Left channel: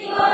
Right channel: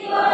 Happy